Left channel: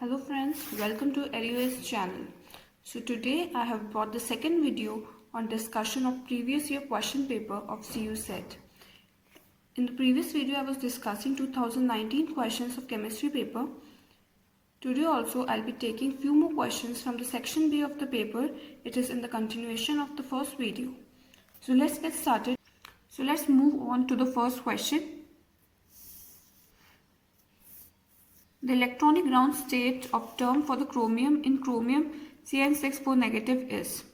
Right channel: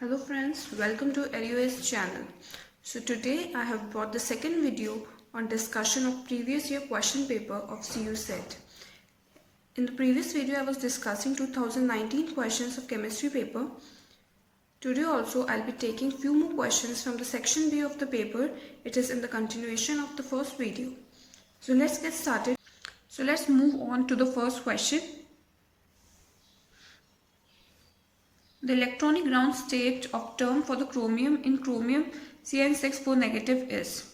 Hello friends, welcome to EduS channel. So today I have brought the second video on discussion of previous year question paper of CU set. In the previous video I was discussing 2019 questions of chemistry paper. Today also I'll be taking few more questions from the section B of the paper. It is in the continuation of the first video. So let's get started. So let's move on to the first question. The electronic ground state of term for the chromium in chromium Cn64 negative is.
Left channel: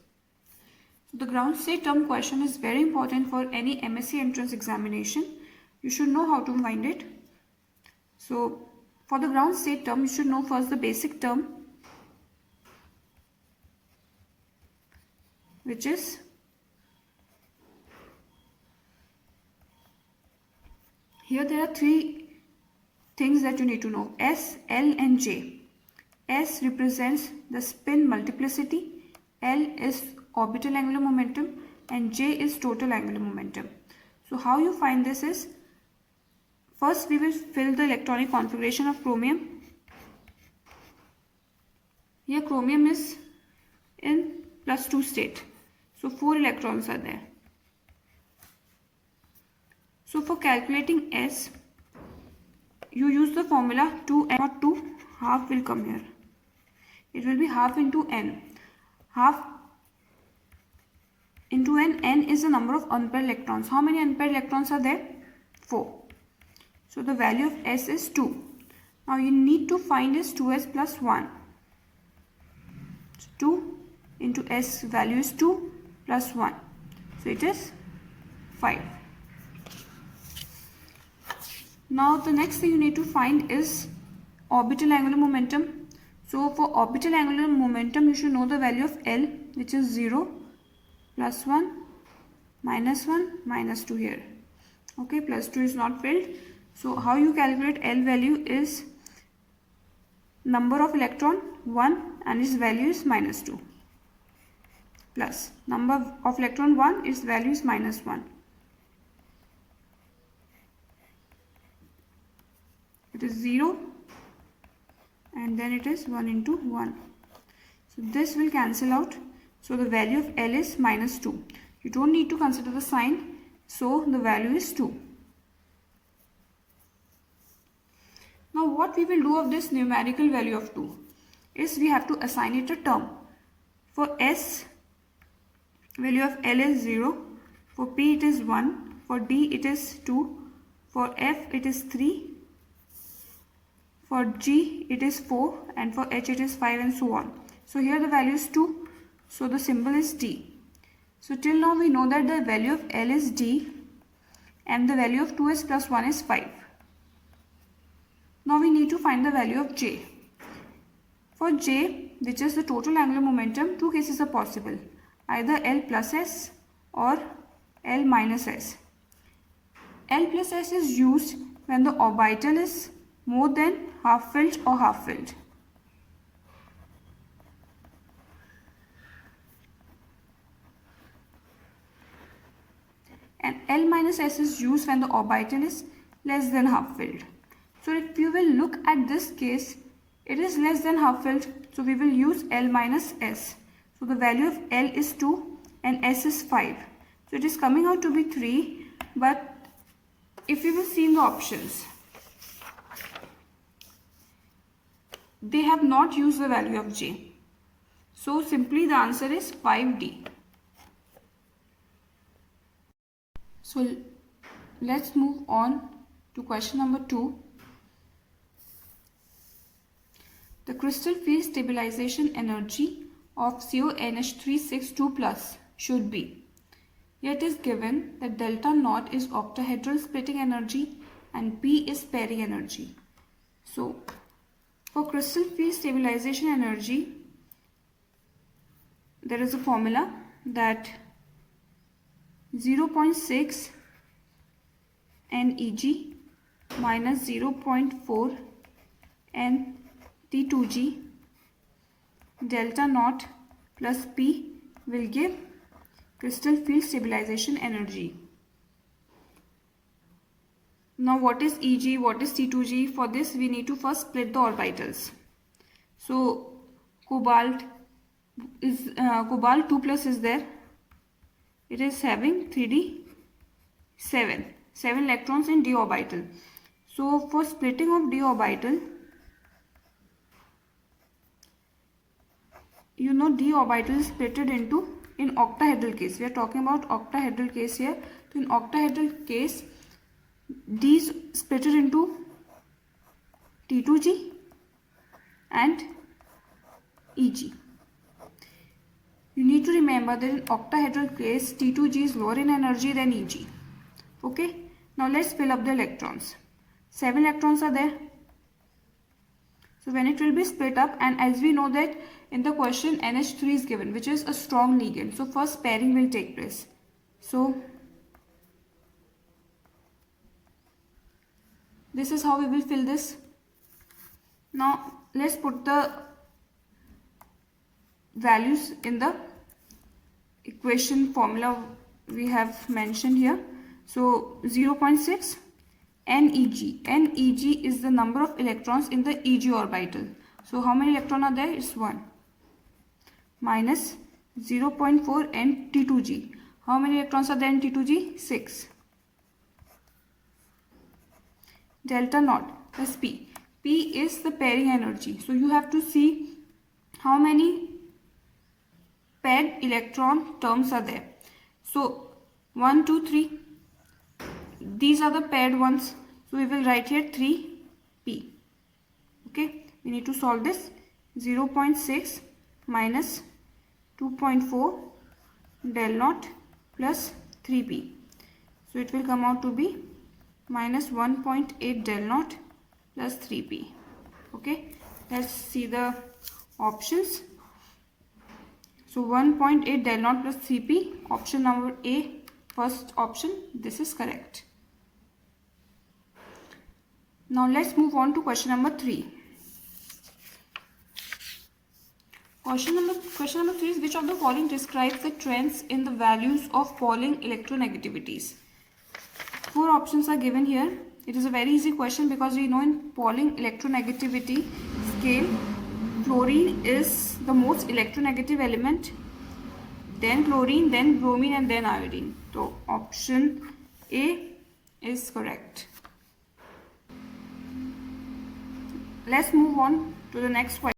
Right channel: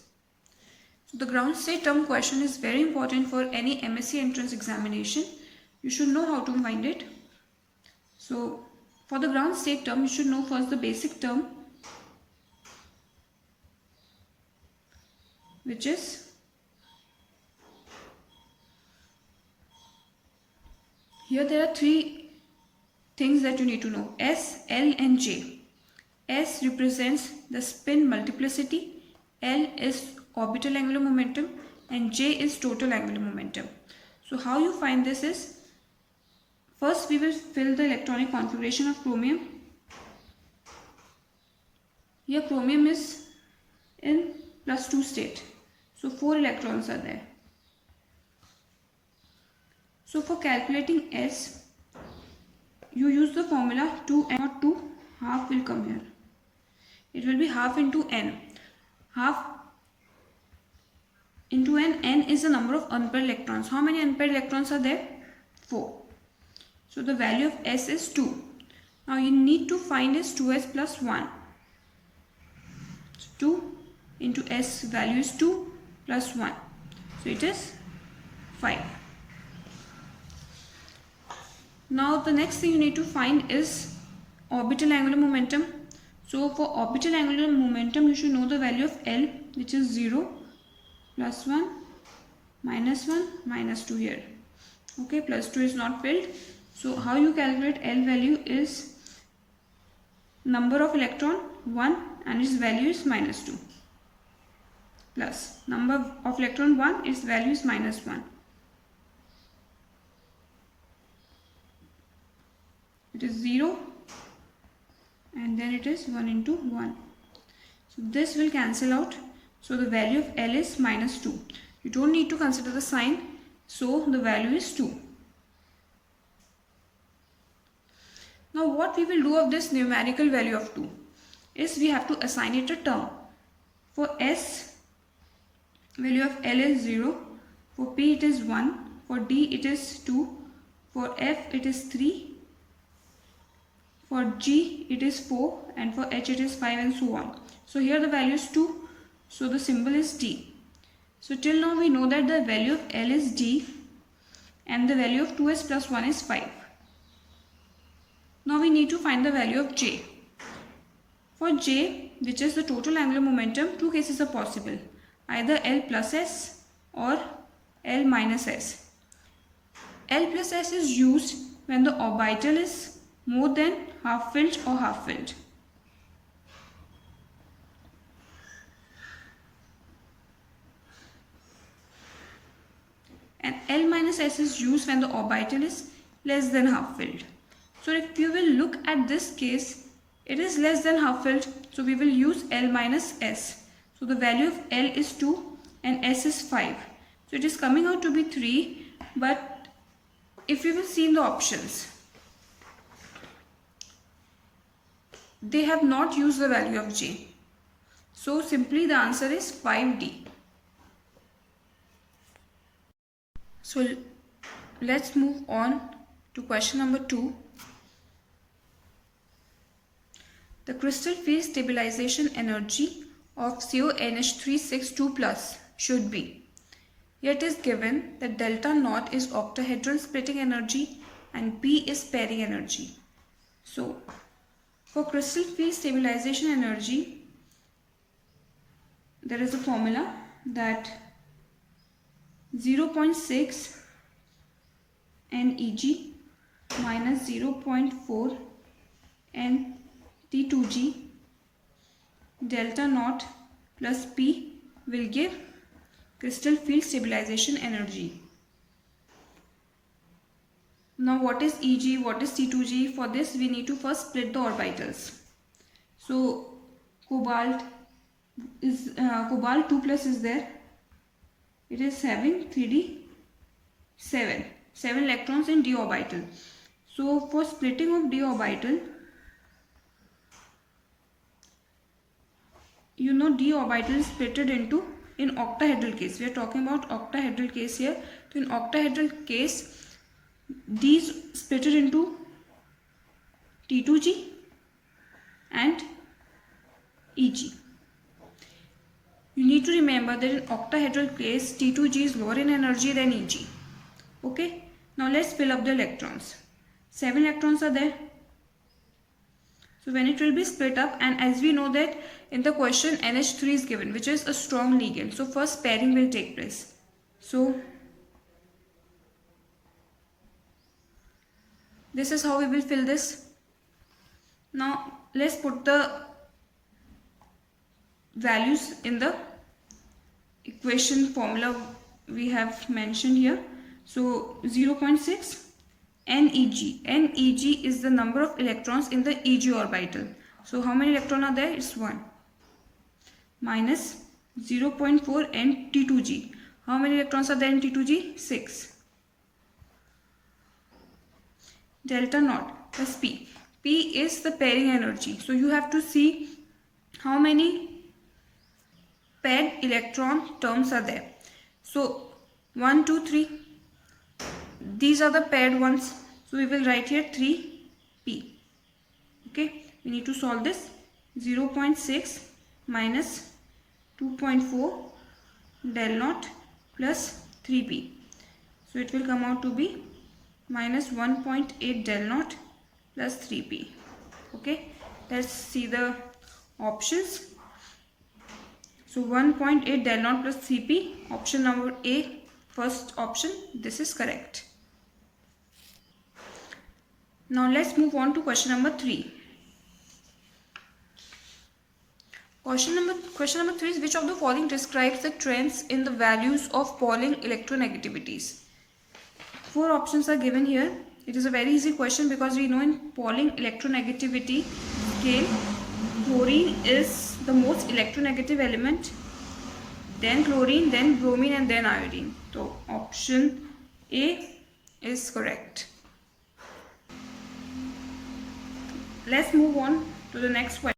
So the ground state term question is very important for any MSc entrance examination. You should know how to find it. So for the ground state term, you should know first the basic term, which is here there are three things that you need to know: S, L and J. S represents the spin multiplicity, L is orbital angular momentum and J is total angular momentum. So how you find this is, first we will fill the electronic configuration of chromium. Here chromium is in +2 state. So 4 electrons are there. So for calculating S, you use the formula 2n, not 2, half will come here. It will be half into n. Half into n, n is the number of unpaired electrons. How many unpaired electrons are there? 4. So the value of S is 2. Now you need to find is 2s plus 1. 2 into S value is 2 plus 1. So it is 5. Now the next thing you need to find is orbital angular momentum. So for orbital angular momentum you should know the value of L, which is 0, plus 1, minus 2 here. Okay, plus 2 is not filled. So how you calculate L value is number of electron 1 and its value is -2, plus number of electron 1, its value is -1. It is 0 and then it is 1 into 1. So this will cancel out. So the value of L is -2. You don't need to consider the sign. So the value is 2. Now what we will do of this numerical value of 2 is we have to assign it a term. For S, value of L is 0. For P it is 1. For D it is 2. For F it is 3. For G it is 4 and for H it is 5 and so on. So here the value is 2. So the symbol is D. So till now we know that the value of L is D and the value of 2s plus 1 is 5. Now we need to find the value of J. For J, which is the total angular momentum, two cases are possible. Either L plus S or L minus S. L plus S is used when the orbital is more than half filled or half filled. And L minus S is used when the orbital is less than half filled. So if you will look at this case, it is less than half filled. So we will use L minus S. So the value of L is 2 and S is 5. So it is coming out to be 3. But if we will see in the options, they have not used the value of J. So simply the answer is 5D. So let's move on to question number 2. The crystal field stabilization energy of CONH362 plus should be. Here it is given that delta naught is octahedral splitting energy and P is pairing energy. So for crystal field stabilization energy, there is a formula that 0.6 NEG minus 0.4 NT2G delta naught plus P will give crystal field stabilization energy. Now what is EG, what is T2G? For this we need to first split the orbitals. So cobalt 2 plus is there. It is having 3d7 electrons in d orbital. So for splitting of d orbital, you know d orbital is split into in octahedral case. We are talking about octahedral case here. So in octahedral case, d is split into T2G and Eg. You need to remember that in octahedral case, T2G is lower in energy than Eg. Okay. Now let's fill up the electrons. 7 electrons are there. So when it will be split up, and as we know that in the question NH3 is given, which is a strong ligand. So first pairing will take place. So this is how we will fill this. Now let's put the values in the equation formula we have mentioned here. So 0.6 NEG. NEG is the number of electrons in the Eg orbital. So how many electrons are there? It's 1. Minus 0.4 N T2G. How many electrons are there in T2G? 6. Delta naught plus P. P is the pairing energy. So you have to see how many paired electron terms are there. So 1, 2, 3. These are the paired ones. So we will write here 3p. Okay. We need to solve this. 0.6 minus 2.4 del naught plus 3p. So it will come out to be minus 1.8 del naught plus 3p. Okay. Let's see the options. So 1.8 del naught plus 3p. Option number A, first option. This is correct. Now let's move on to question number 3. Question number 3 is, which of the following describes the trends in the values of Pauling electronegativities? 4 options are given here. It is a very easy question because we know in Pauling electronegativity scale, chlorine is the most electronegative element, then chlorine, then bromine, and then iodine. So option A is correct. Let's move on to the next question.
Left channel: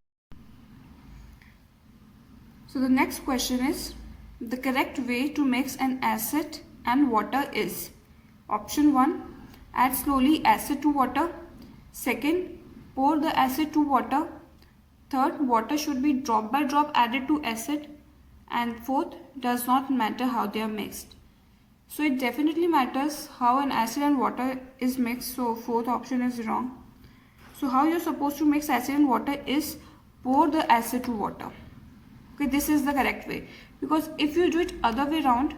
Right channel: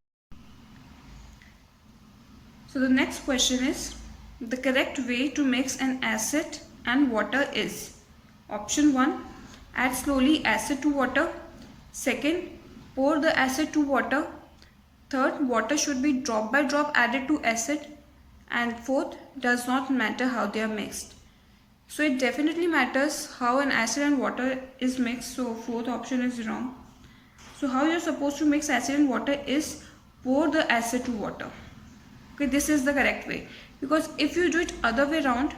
So the next question is, the correct way to mix an acid and water is: option 1, add slowly acid to water. Second, pour the acid to water. Third, water should be drop by drop added to acid. And fourth, does not matter how they are mixed. So it definitely matters how an acid and water is mixed. So fourth option is wrong. So how you are supposed to mix acid and water is pour the acid to water. Okay, this is the correct way. Because if you do it other way around,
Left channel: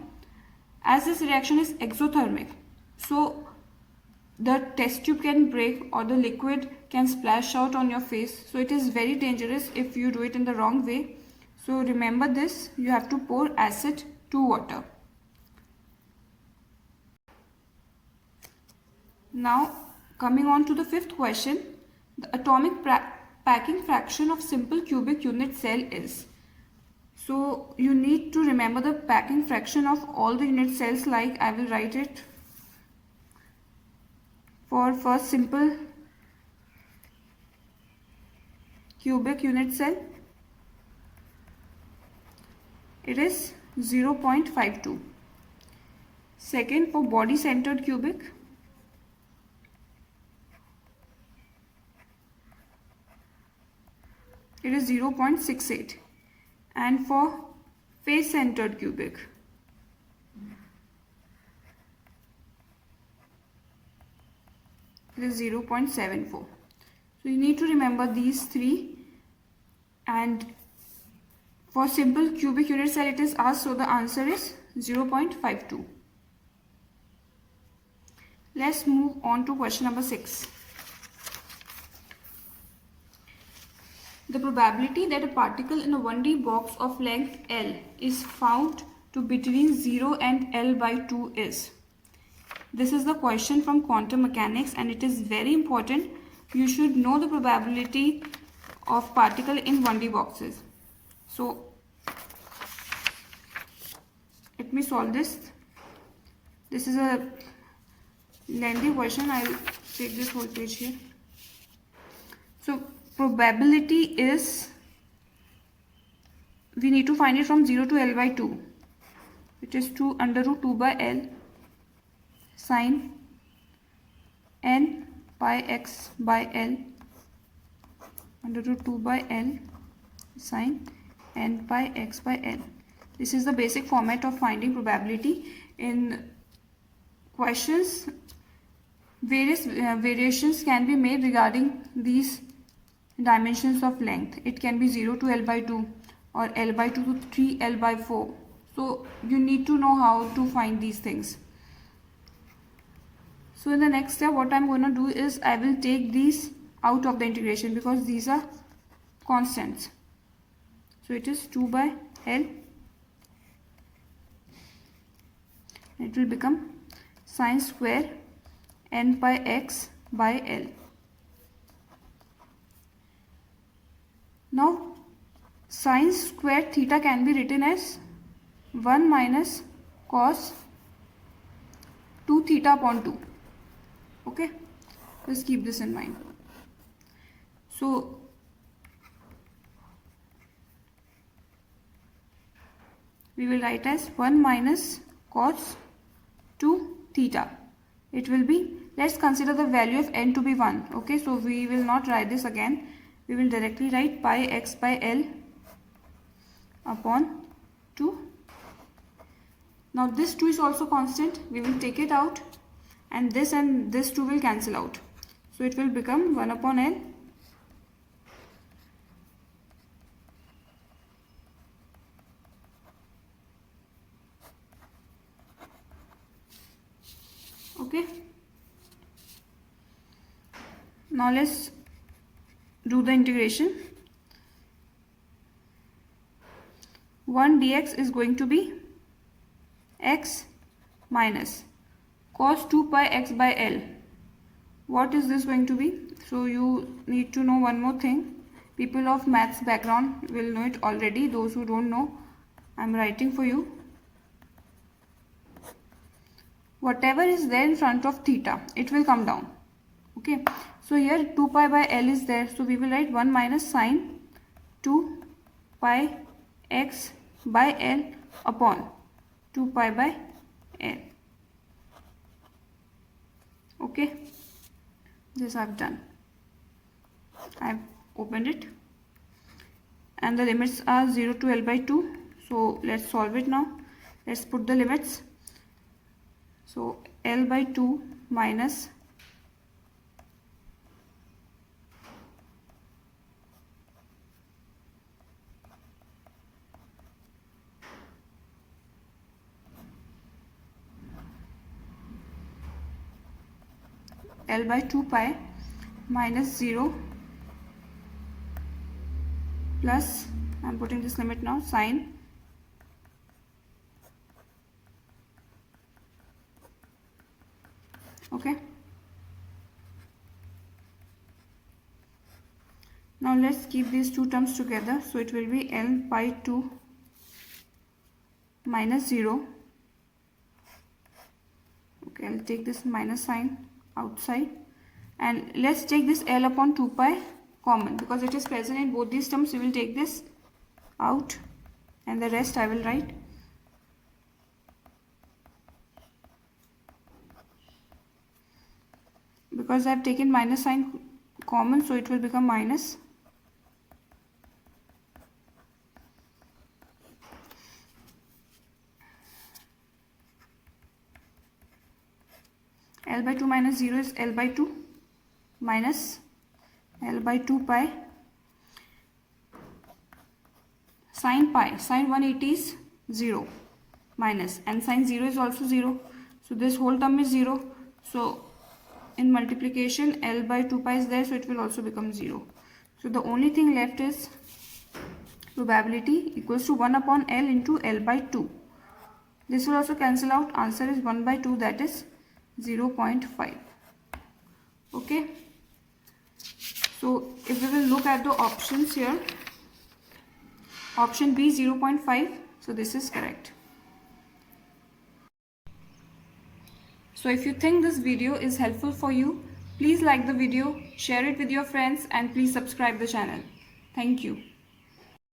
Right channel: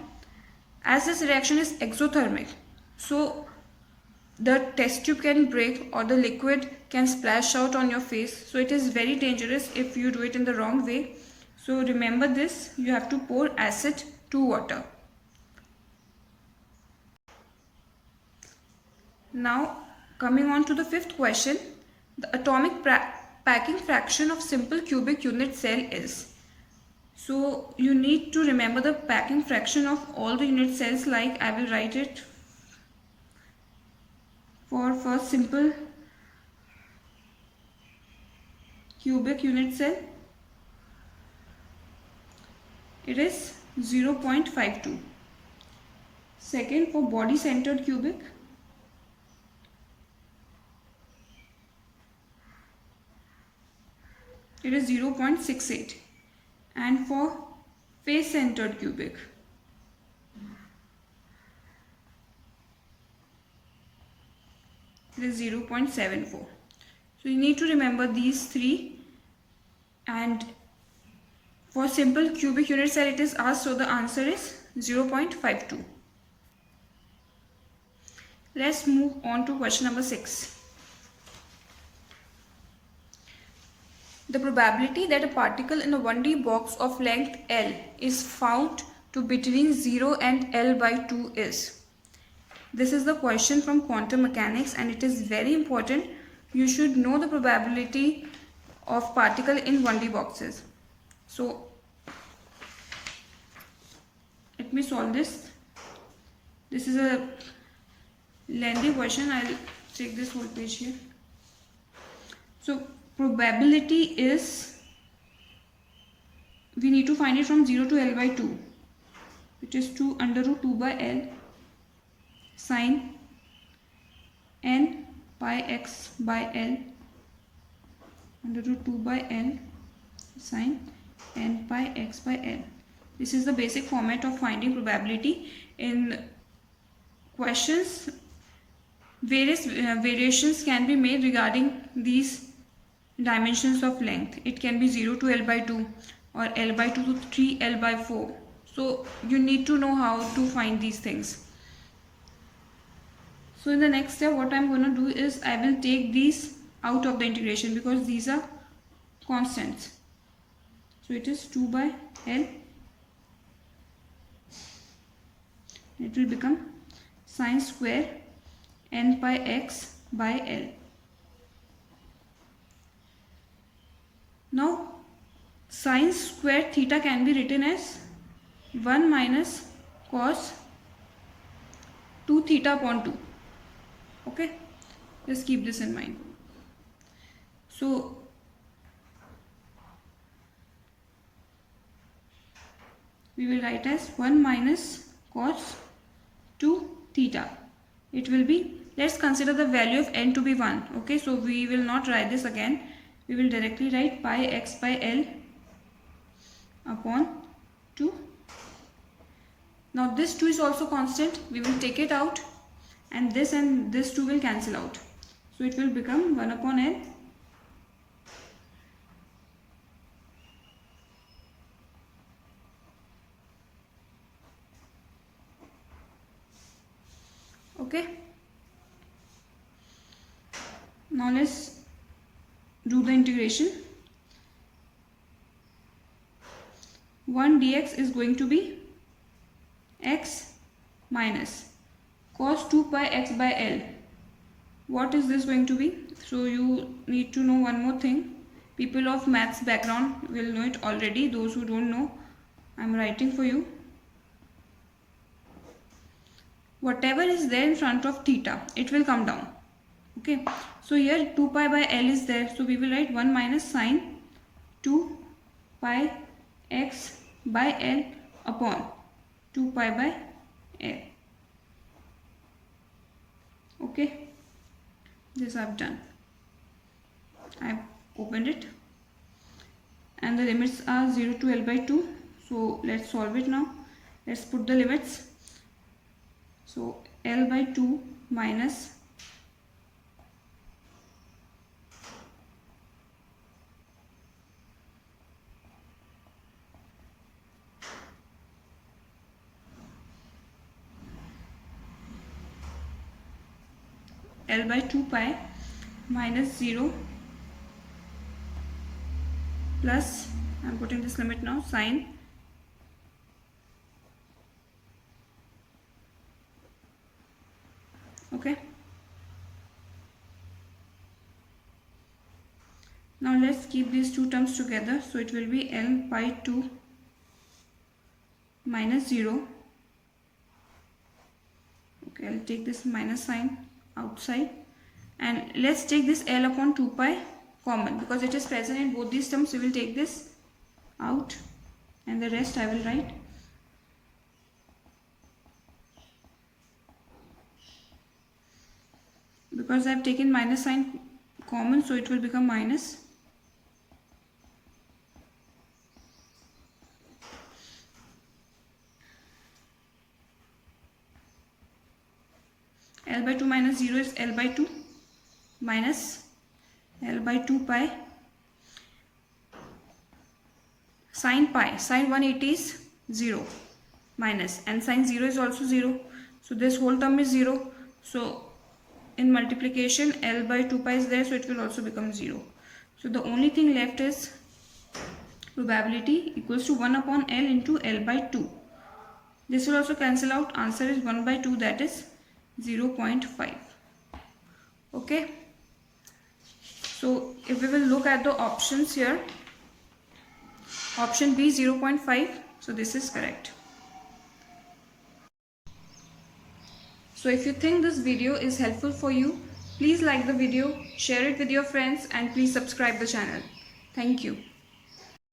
as this reaction is exothermic, so the test tube can break or the liquid can splash out on your face. So it is very dangerous if you do it in the wrong way. So remember this, you have to pour acid to water. Now coming on to the 5th question, the atomic packing fraction of simple cubic unit cell is. So you need to remember the packing fraction of all the unit cells, like I will write it for first simple cubic unit cell. It is 0.52. Second, for body centered cubic, it is 0.68. And for face centered cubic, it is 0.74. So you need to remember these three. And for simple cubic unit cell it is asked, so the answer is 0.52. Let's move on to question number 6. The probability that a particle in a 1D box of length L is found to between 0 and L by 2 is. This is the question from quantum mechanics and it is very important. You should know the probability of particle in 1D boxes. So let me solve this. This is a lengthy version. I'll take this whole page here. So probability is, we need to find it from 0 to L by 2. It is 2 under root 2 by L sine n pi x by L under root 2 by L sine n pi x by L. This is the basic format of finding probability. In questions, various variations can be made regarding these dimensions of length. It can be 0 to L by 2 or L by 2 to 3L by 4. So you need to know how to find these things. So in the next step, what I'm going to do is I will take these out of the integration because these are constants. So it is 2 by L. It will become sine square n pi x by L. Now sine square theta can be written as 1 minus cos 2 theta upon 2. Okay, just keep this in mind. So we will write as 1 minus cos 2 theta. It will be, let's consider the value of n to be 1. Okay, so we will not write this again. We will directly write pi x by L upon 2. Now this 2 is also constant. We will take it out and this 2 will cancel out. So it will become 1 upon L okay. Now let's do the integration. 1 dx is going to be x minus cos 2 pi x by L. What is this going to be? So you need to know one more thing. People of maths background will know it already. Those who don't know, I'm writing for you. Whatever is there in front of theta, it will come down. Okay, so here 2 pi by L is there, so we will write 1 minus sine 2 pi x by L upon 2 pi by L. Okay, this I've done. I've opened it and the limits are 0 to L by 2. So let's solve it now. Let's put the limits. So L by 2 minus L by 2 pi minus 0 plus, I'm putting this limit now, sine okay. Now let's keep these two terms together. So it will be L by 2 minus 0. Okay, I'll take this minus sign outside and let's take this L upon 2 pi common because it is present in both these terms. We will take this out and the rest I will write. Because I have taken minus sign common, so it will become minus L by 2 minus 0 is L by 2 minus L by 2 pi sine pi. Sine 180 is 0 minus and sine 0 is also 0. So this whole term is 0. So in multiplication L by 2 pi is there, so it will also become 0. So the only thing left is probability equals to 1 upon L into L by 2. This will also cancel out. Answer is 1 by 2, that is 0.5. Okay. So if we will look at the options here, option B 0.5, so this is correct. So if you think this video is helpful for you, please like the video, share it with your friends, and please subscribe the channel. Thank you.